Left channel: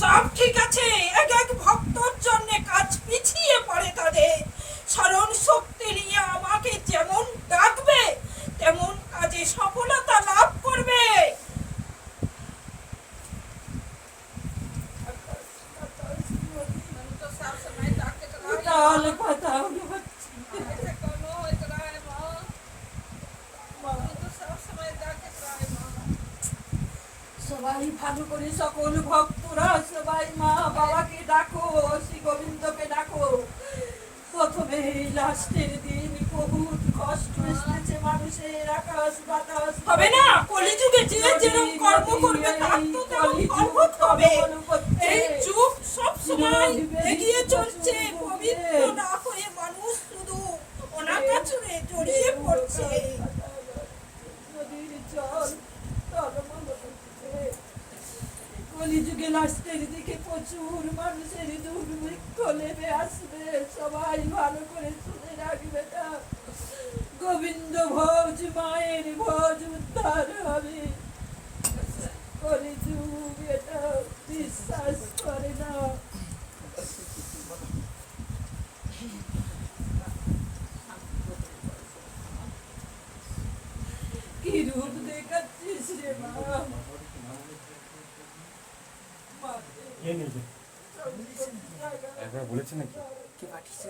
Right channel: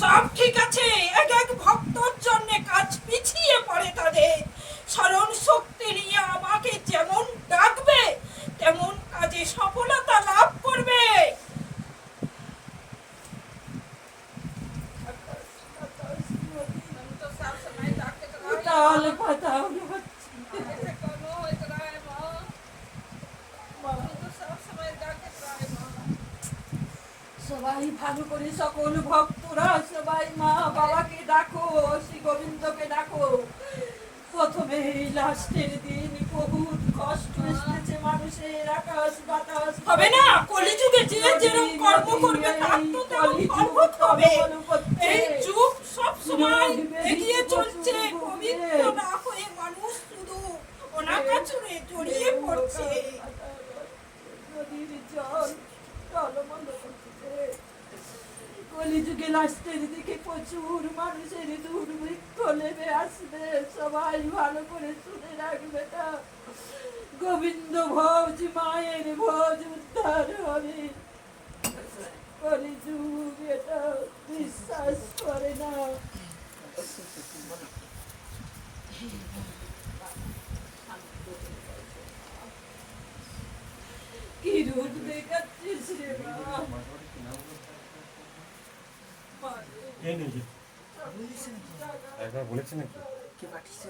সব ঠিক আছে, এক এক ভক্তর জন্য কাজ পিছিয়ে পড়ে তাদের। স্মরণ শক্তি নিয়ে আমাকে যেমন ডাকবে তেমন কাজে সফলতা লাভ করবে। সবাই ভালো করে সকল ভক্তরা সবাই মা বাবাকে ডাকো, শ্রী গোবিন্দকে ডাকো। প্রথমে লাস্টের দিন বহুত কষ্ট এসেছে মানুষের, আকাশ বাতাস হবে না। কলিযুগে যে যেরকম কর্ম করবে তার তো তেমন ফল ভোগ হবে। এই যুগ সব সময় এগিয়ে চলছে, পবিত্র না হয়ে মানুষ শুধু অনাকাচরে জড়িয়ে পড়ছে। নদীর জল টলমল করছে। কলিযুগে লাস্টের দিকে প্রচুর মানুষের দুর্ভিক্ষ নেমে আসবে। সবাই ভালো করে শুনে রাখবে না। গোবিন্দ ভোজ মায়ের ভোজ উদ্ধার হবে। কলিযুগ এটা বিশ্বাস করে না। কি রূপ দেখাচ্ছিস রে মা? একবার বলেছে নাকি কে পাঠিয়েছে?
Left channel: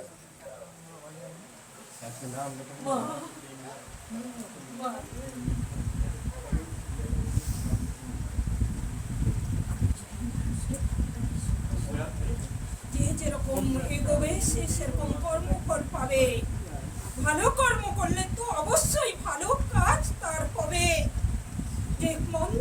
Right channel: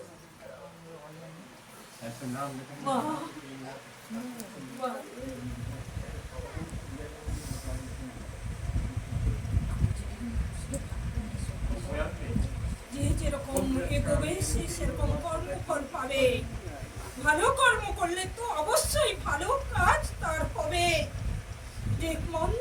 একটা নাম লেখা যে যেরকম এগোবে সে সেরকম কর্মফল পাবে। ভালো কর্ম করলে তো অবশ্যই ভালো কাজ তার হবে। যে মন্দ